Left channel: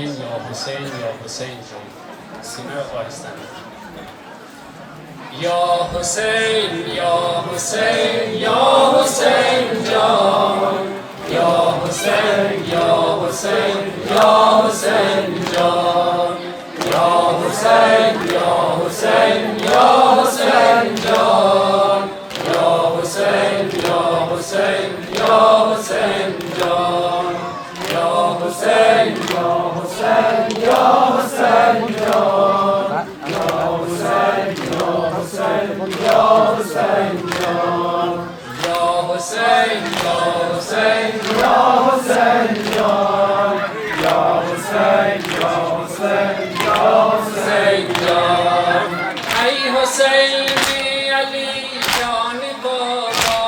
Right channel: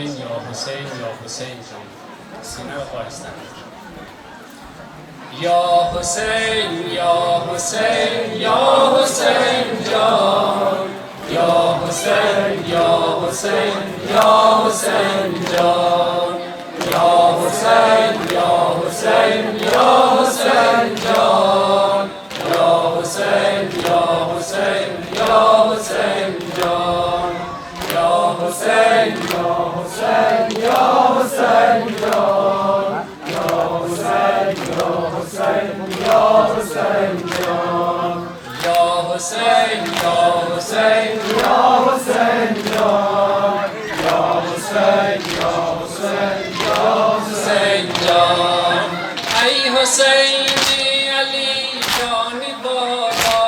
حسین یا حسین یا حسین جان. سینه رو خواهستن. یا حسین یا حسین یا حسین جان، یا حسین یا حسین یا حسین جان، یا حسین یا حسین یا حسین جان، یا حسین یا حسین یا حسین جان، یا حسین یا حسین یا حسین جان، یا حسین یا حسین یا حسین جان، یا حسین یا حسین یا حسین جان، یا حسین یا حسین یا حسین جان. ای حسینی علی جان بابا،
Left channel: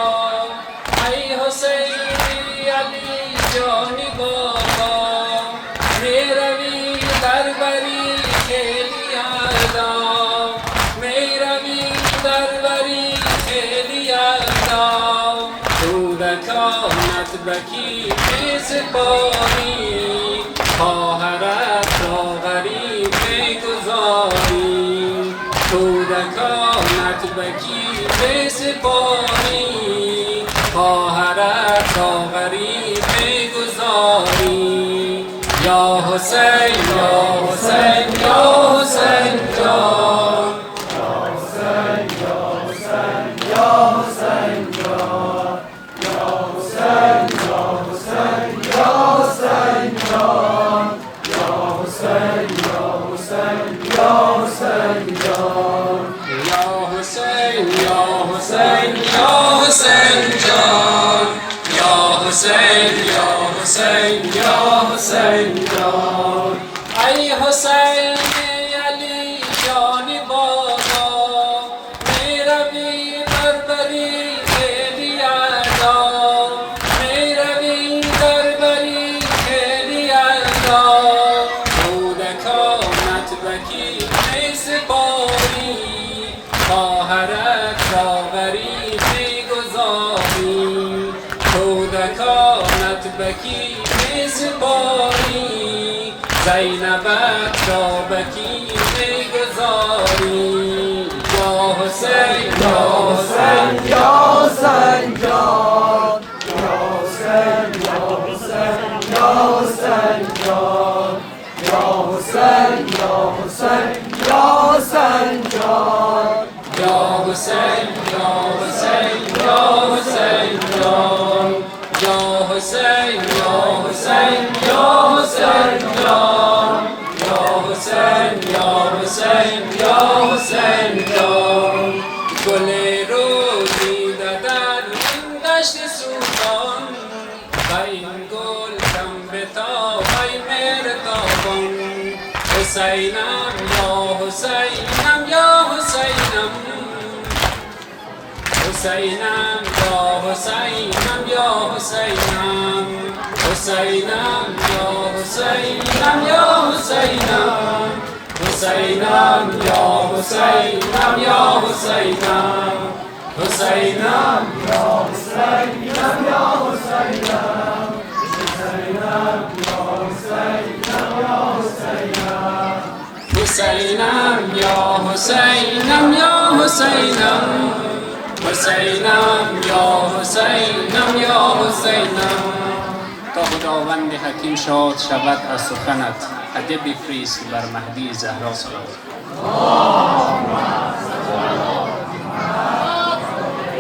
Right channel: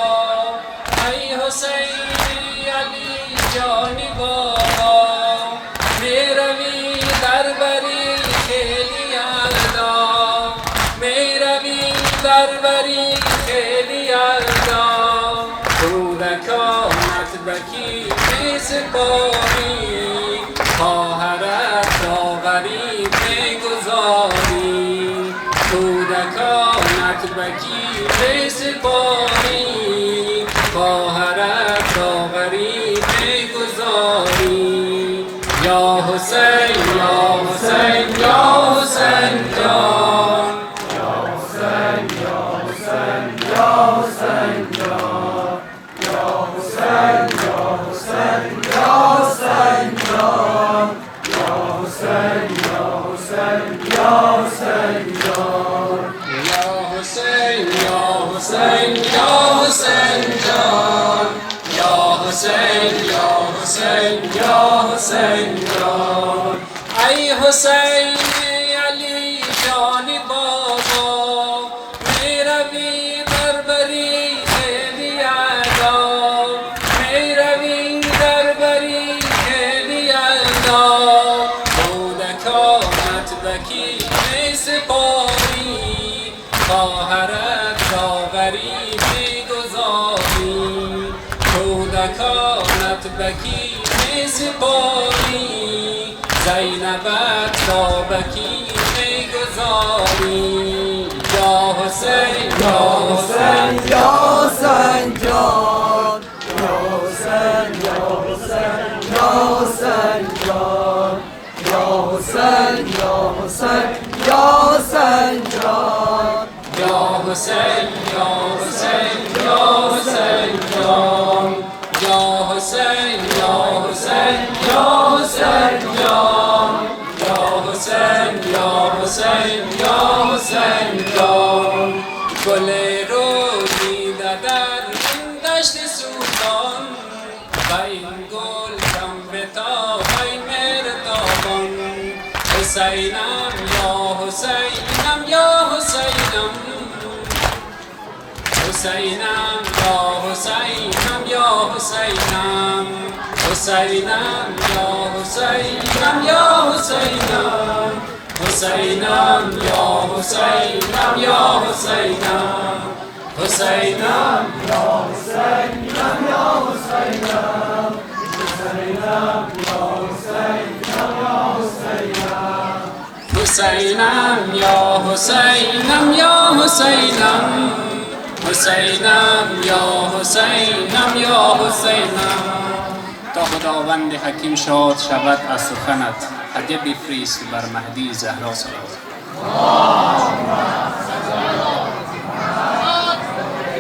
ای حسینی علی جان بابا، میروی در بری خیلی یلدا، میروی در بری خیلی یلدا، کودکانت بکی بسپاری، خواهرت را غریب بگذاری، کودکانت بکی بسپاری، خواهرت را غریب بگذاری. یا حسین یا حسین یا حسین جان، یا حسین یا حسین یا حسین جان، یا حسین یا حسین یا حسین جان، یا حسین یا حسین یا حسین جان، یا حسین یا حسین یا حسین جان، یا حسین یا حسین یا حسین جان. ای حسین علی جان بابا، میروی در بری خیلی یلدا، میروی در بری خیلی یلدا، کودکانت بکی میسپاری، خواهرت را غریب میگذاری، کودکانت بکی میسپاری، زینبت را بکی میگذاری. یا حسین یا حسین یا حسین جان، یا حسین یا حسین یا حسین جان، یا حسین یا حسین یا حسین جان، یا حسین یا حسین یا حسین جان، یا حسین یا حسین یا حسین جان، یا حسین یا حسین یا حسین جان. گل روزی در این دشت سوزان، و این گل کم بتاب ای مهرتابان. حسینم یا حسینم یا حسینم، حسینم یا حسینم یا حسینم، حسینم یا حسینم یا حسینم، حسینم یا حسینم یا حسینم، حسینم یا حسینم یا حسینم، حسینم یا حسینم یا حسینم، حسینم یا حسینم یا حسینم، حسینم یا حسینم یا حسینم. تا خداوند حکیم شاد شود از سخنت، هدیه بفرست بر مهدی زهرا صلوات.